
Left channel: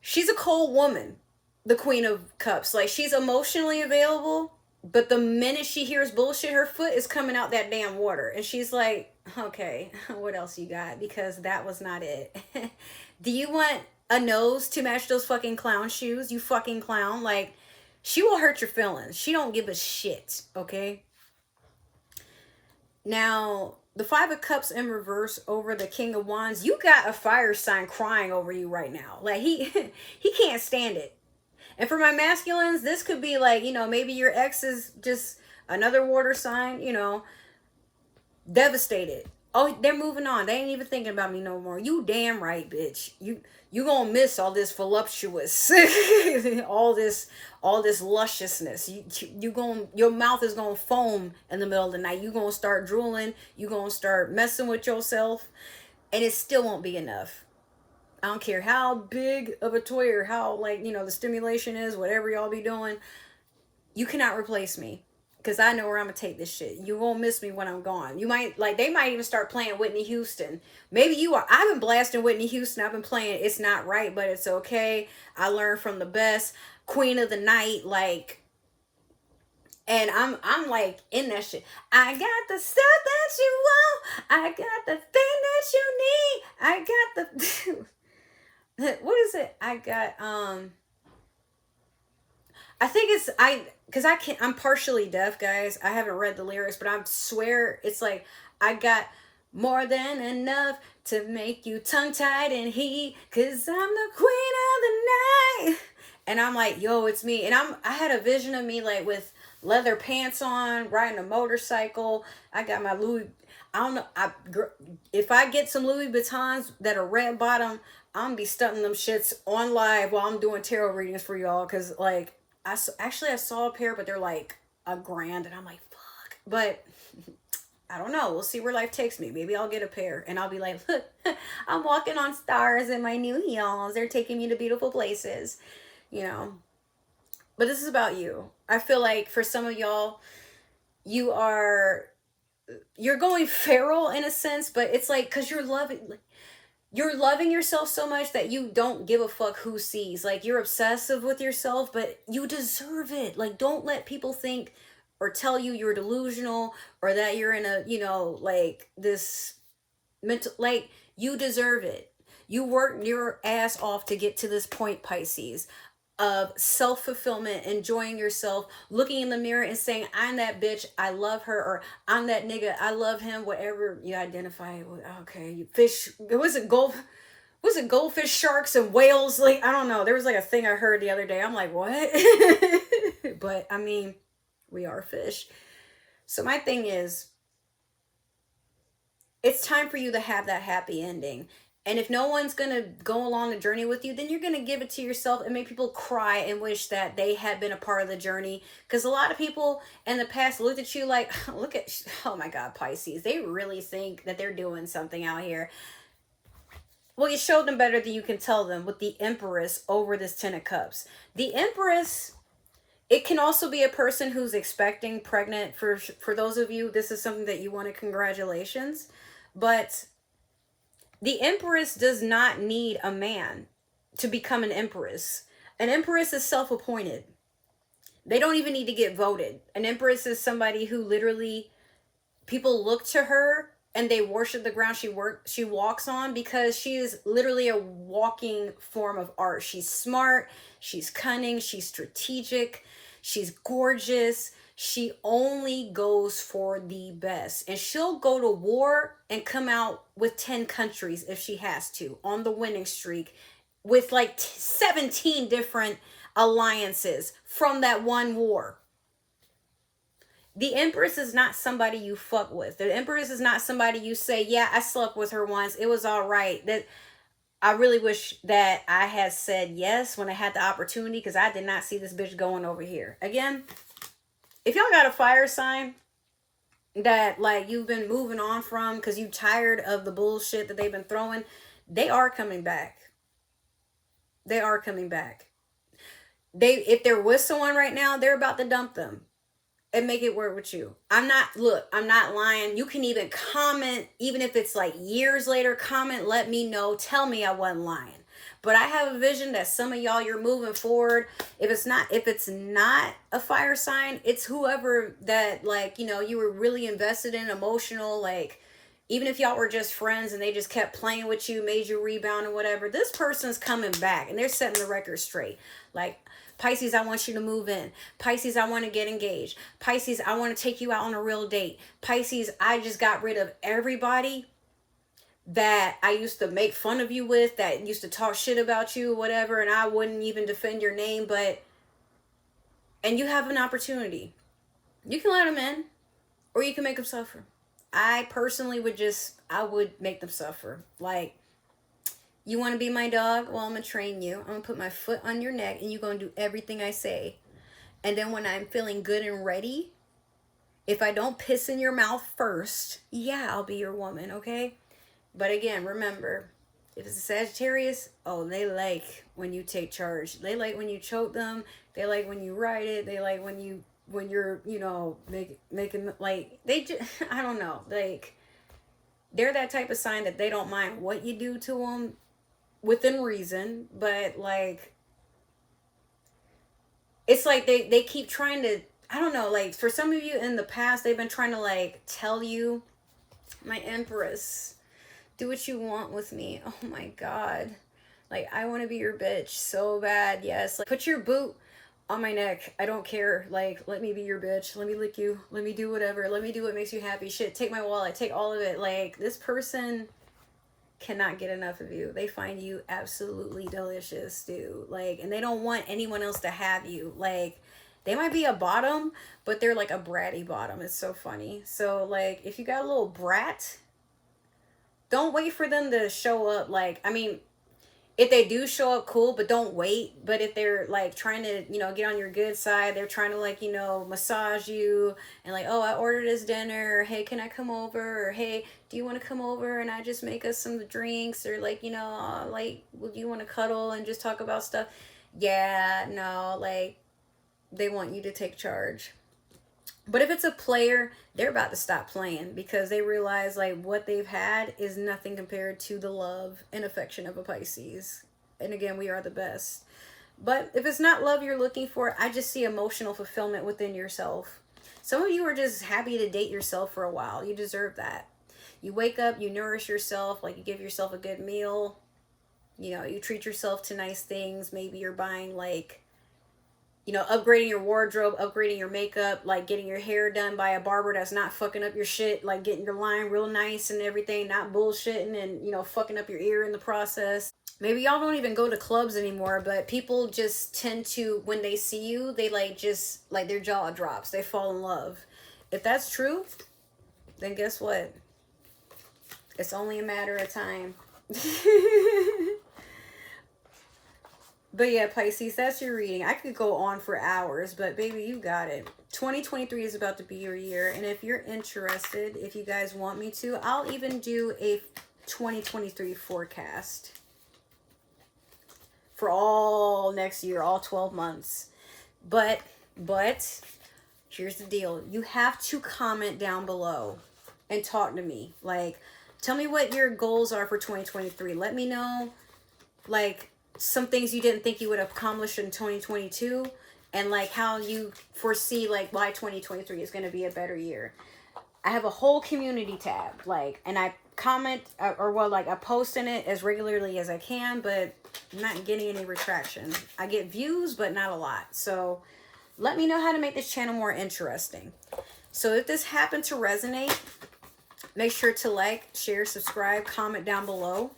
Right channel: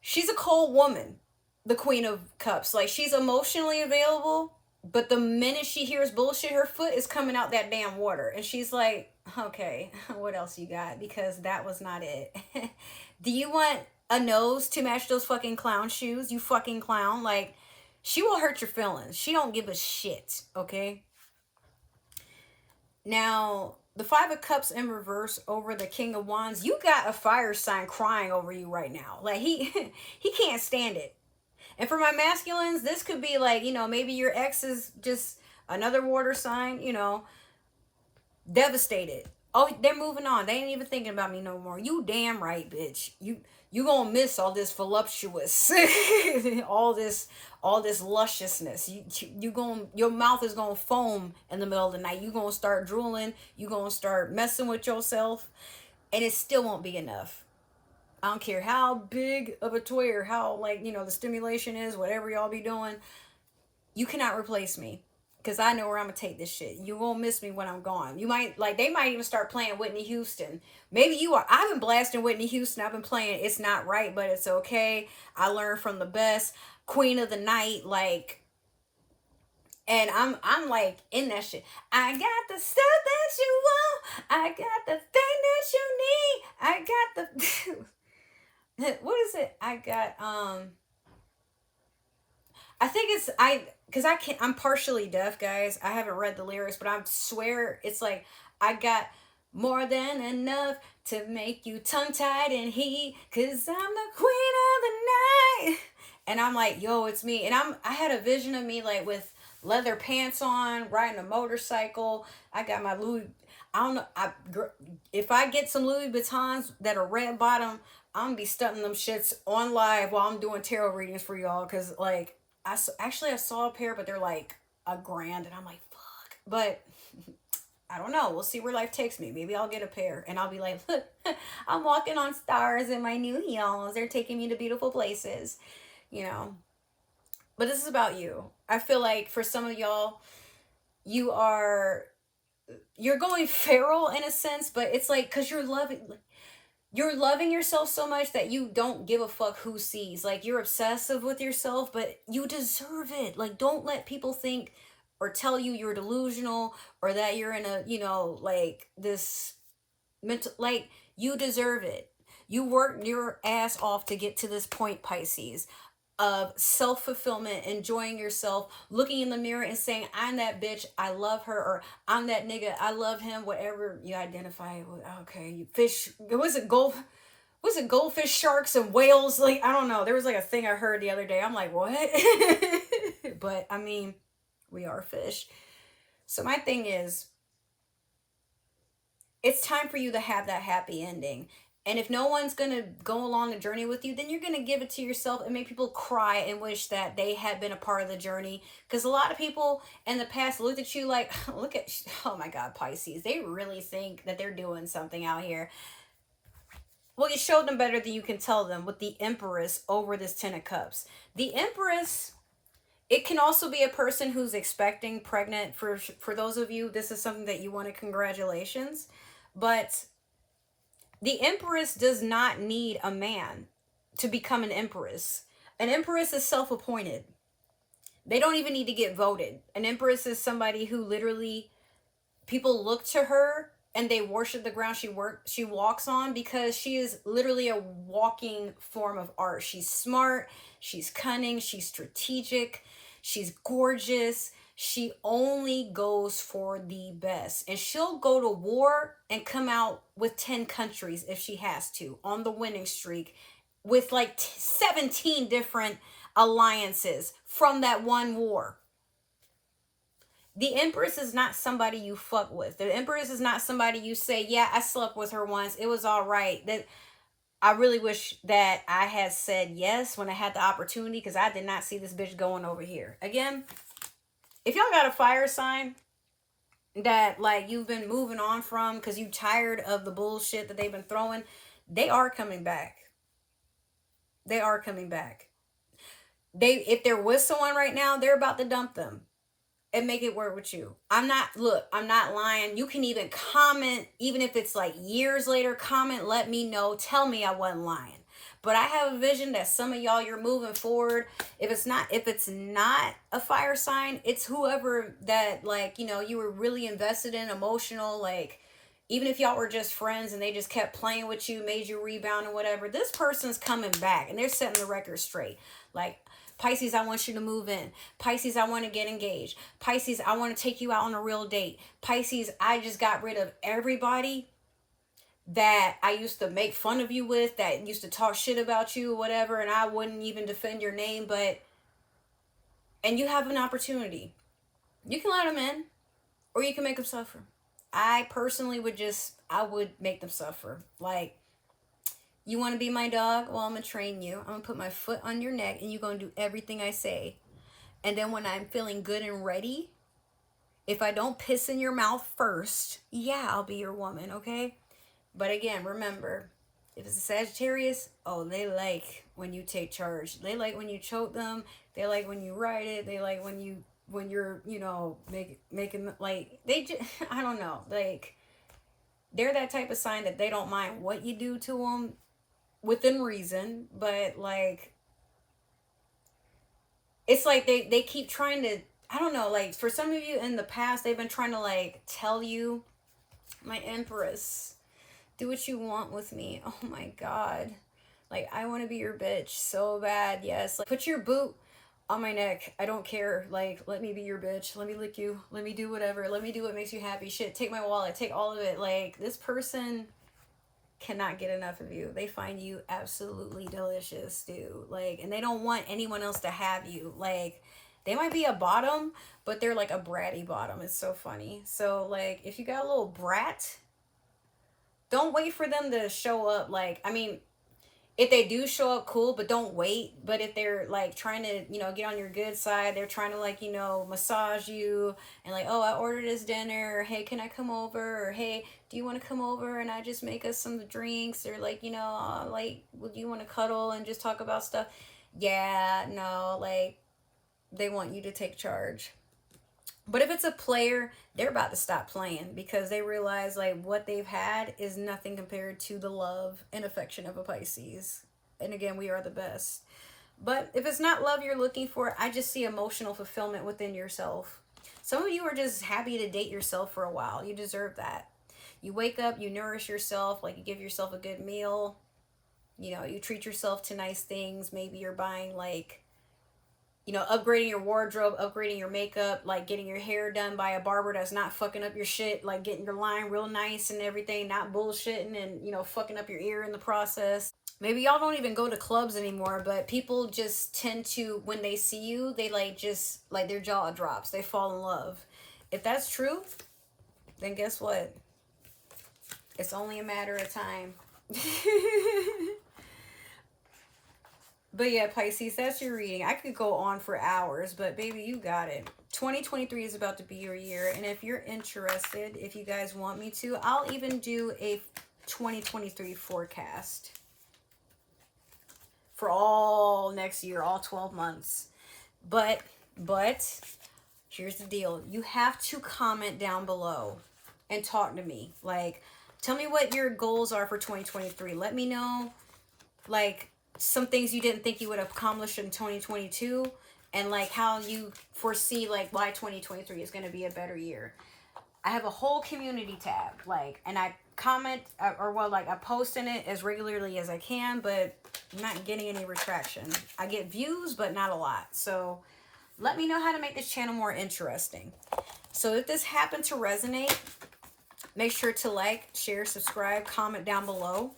she's a cold woman, the Queen of Cups. Like, she's emotionally available, but the minute she hears bullshit, her foot is coming out that damn water. And she's like, okay, what else you got? Because that was not it. Do you want a nose to match those fucking clown shoes? You fucking clown. Like, she will hurt your feelings. She don't give a shit, okay? Now, the Five of Cups in reverse over the King of Wands. You got a fire sign crying over you right now. Like, he can't stand it. And for my masculines, this could be like, you know, maybe your ex is just another water sign, you know, devastated. Oh, they're moving on. They ain't even thinking about me no more. You damn right, bitch. You gonna miss all this voluptuous, all this lusciousness. Your mouth is gonna foam in the middle of the night. You gonna start drooling. You gonna start messing with yourself, and it still won't be enough. I don't care how big of a toy or how, like, you know, the stimulation is, whatever y'all be doing. You cannot replace me. Because I know where I'm going to take this shit. You won't miss me when I'm gone. You might, like, they might even start playing Whitney Houston. Maybe you are. I've been blasting Whitney Houston. I've been playing It's Not Right, but It's Okay. I learned from the best. Queen of the Night, like. And I'm like in that shit. I got the stuff that you want. I got the thing that you need. I got the... What is it? I got, I think it's, because I'm partially deaf, guys. I haven't read the lyrics, but I swear it's like, I got more than enough to make you tongue-tied and heat, because I'm the queen of the night. And I'm like, yo, it's me. And I had a vision of me, like, with leather pants on, riding a motorcycle. I got my Louis, I don't know, if I get some Louis Vuittons that are red bottom, I'm gonna be stunting them shits on live while I'm doing tarot readings for y'all. Because, like, I saw a pair, but they're like $1,000, and I'm like, fuck. But I don't know. We'll see where life takes me. Maybe I'll get a pair, and I'll be like, look, I'm walking on stars in my new heels. They're taking me to beautiful places, you know. But this is about you. I feel like for some of y'all, you're going feral in a sense, but it's like, because you're loving yourself so much that you don't give a fuck who sees. Like, you're obsessive with yourself, but you deserve it. Like, don't let people think or tell you you're delusional or that you're in a, you know, like, this mental, like, you deserve it. You worked your ass off to get to this point, Pisces, of self-fulfillment, enjoying yourself, looking in the mirror and saying, I'm that bitch, I love her, or I'm that nigga, I love him, whatever you identify with. Okay, fish, was it goldfish, sharks, and whales? Like, I don't know, there was like a thing I heard the other day. I'm like, what? But I mean, we are fish. So my thing is, it's time for you to have that happy ending. And if no one's going to go along the journey with you, then you're going to give it to yourself and make people cry and wish that they had been a part of the journey. Because a lot of people in the past looked at you like, oh my God, Pisces, they really think that they're doing something out here. Well, you showed them better than you can tell them with the Empress over this Ten of Cups. The Empress, it can also be a person who's expecting, pregnant. For those of you, this is something that you wanted, congratulations. But the Empress does not need a man to become an Empress. An Empress is self-appointed. They don't even need to get voted. An Empress is somebody who literally, people look to her and they worship the ground she walks on, because she is literally a walking form of art. She's smart, she's cunning, she's strategic, she's gorgeous. She only goes for the best. And she'll go to war and come out with 10 countries if she has to, on the winning streak, with like 17 different alliances from that one war. The Empress is not somebody you fuck with. The Empress is not somebody you say, yeah, I slept with her once, it was all right. That I really wish that I had said yes when I had the opportunity, because I did not see this bitch going over here. Again, if y'all got a fire sign that like you've been moving on from because you tired of the bullshit that they've been throwing, they are coming back. They are coming back. If there was someone right now, they're about to dump them and make it work with you. I'm not lying. You can even comment, even if it's like years later, comment, let me know, tell me I wasn't lying. But I have a vision that some of y'all, you're moving forward. If it's not a fire sign, it's whoever that, like, you know, you were really invested in, emotional, like, even if y'all were just friends and they just kept playing with you, made you rebound or whatever, this person's coming back and they're setting the record straight. Like, Pisces, I want you to move in. Pisces, I want to get engaged. Pisces, I want to take you out on a real date. Pisces, I just got rid of everybody that I used to make fun of you with, that used to talk shit about you, whatever, and I wouldn't even defend your name, and you have an opportunity. You can let them in, or you can make them suffer. I personally I would make them suffer. Like, you want to be my dog? Well, I'm going to train you. I'm going to put my foot on your neck, and you're going to do everything I say. And then when I'm feeling good and ready, if I don't piss in your mouth first, yeah, I'll be your woman, okay? But again, remember, if it's a Sagittarius, oh, they like when you take charge. They like when you choke them. They like when you ride it. They like when you're, you know, making, like, they just, I don't know, like, they're that type of sign that they don't mind what you do to them within reason, but, like, it's like they keep trying to, I don't know, like, for some of you in the past, they've been trying to, like, tell you, my Empress, do what you want with me. Oh my God. Like, I want to be your bitch so bad. Yes. Like, put your boot on my neck. I don't care. Like, let me be your bitch. Let me lick you. Let me do whatever. Let me do what makes you happy. Shit, take my wallet. Take all of it. Like, this person cannot get enough of you. They find you absolutely delicious, dude. Like, and they don't want anyone else to have you. Like, they might be a bottom, but they're like a bratty bottom. It's so funny. So, like, if you got a little brat, don't wait for them to show up. Like, I mean, if they do show up, cool, but don't wait. But if they're like trying to, you know, get on your good side, they're trying to, like, you know, massage you and like, oh, I ordered this dinner, or hey, can I come over, or hey, do you want to come over and I just make us some drinks, or like, you know, like, would you want to cuddle and just talk about stuff? Yeah, no, like, they want you to take charge. But if it's a player, they're about to stop playing because they realize, like, what they've had is nothing compared to the love and affection of a Pisces. And again, we are the best. But if it's not love you're looking for, I just see emotional fulfillment within yourself. Some of you are just happy to date yourself for a while. You deserve that. You wake up, you nourish yourself, like, you give yourself a good meal. You know, you treat yourself to nice things. Maybe you're buying, like, you know, upgrading your wardrobe, upgrading your makeup, like getting your hair done by a barber that's not fucking up your shit, like getting your line real nice and everything, not bullshitting and, you know, fucking up your ear in the process. Maybe y'all don't even go to clubs anymore, but people just tend to, when they see you, they like just, like, their jaw drops. They fall in love. If that's true, then guess what? It's only a matter of time. But yeah, Pisces, that's your reading. I could go on for hours, but baby, you got it. 2023 is about to be your year. And if you're interested, if you guys want me to, I'll even do a 2023 forecast for all next year, all 12 months. But here's the deal. You have to comment down below and talk to me. Like, tell me what your goals are for 2023. Let me know, like, some things you didn't think you would accomplish in 2022, and like how you foresee, like, why 2023 is going to be a better year. I have a whole community tab, like, and I comment, or well, like, I post in it as regularly as I can, but I'm not getting any retraction. I get views, but not a lot. So let me know how to make this channel more interesting. So if this happened to resonate, make sure to like, share, subscribe, comment down below.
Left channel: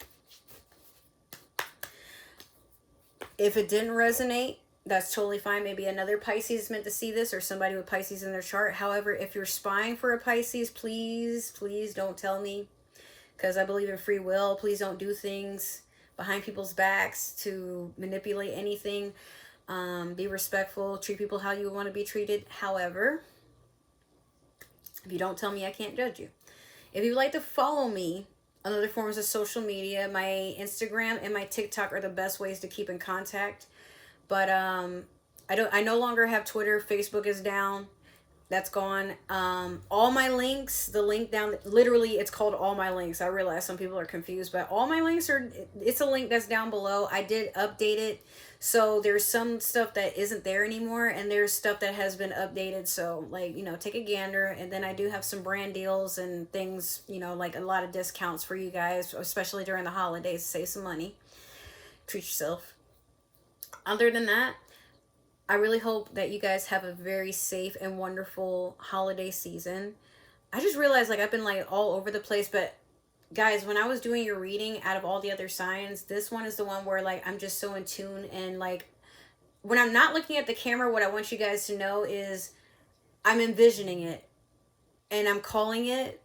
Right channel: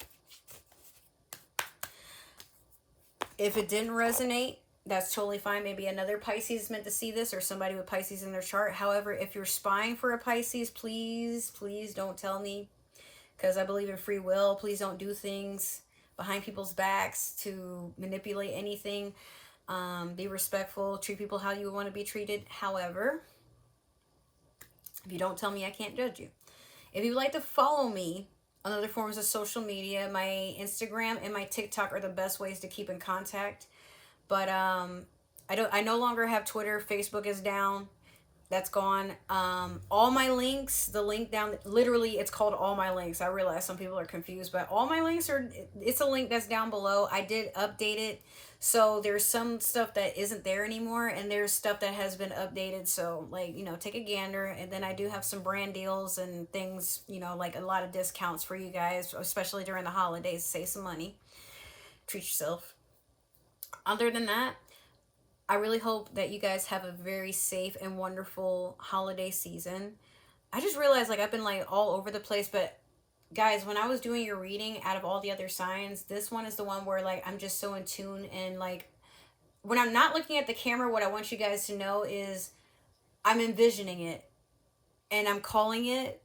If it didn't resonate, that's totally fine. Maybe another Pisces is meant to see this, or somebody with Pisces in their chart. However, if you're spying for a Pisces, please don't tell me, because I believe in free will. Please don't do things behind people's backs to manipulate anything. Be respectful. Treat people how you want to be treated. However, If you don't tell me, I can't judge you. If you would like to follow me on other forms of social media, my Instagram and my TikTok are the best ways to keep in contact. But I no longer have Twitter. Facebook is down. That's gone. All my links, the link down, literally it's called all my links. I realize some people are confused, but all my links are, it's a link that's down below. I did update it. So there's some stuff that isn't there anymore, and there's stuff that has been updated. So, like, take a gander. And then I do have some brand deals and things, like a lot of discounts for you guys, especially during the holidays. Save some money. Treat yourself. Other than that, I really hope that you guys have a very safe and wonderful holiday season. I just realized, like, I've been like all over the place, but guys, when I was doing your reading, out of all the other signs, this one is the one where, like, I'm just so in tune. And, like, when I'm not looking at the camera, what I want you guys to know is I'm envisioning it and I'm calling it,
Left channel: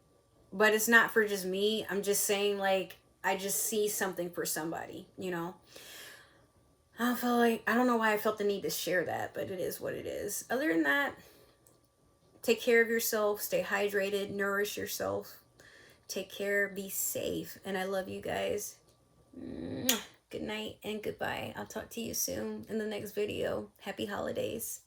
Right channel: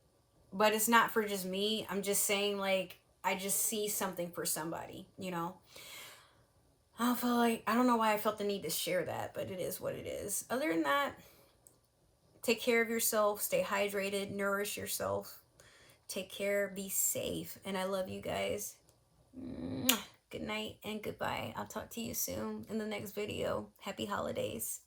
but it's not for just me. I'm just saying, like, I just see something for somebody, I feel like, I don't know why I felt the need to share that, but it is what it is. Other than that, take care of yourself, stay hydrated, nourish yourself, take care, be safe, and I love you guys. Good night and goodbye. I'll talk to you soon in the next video. Happy holidays.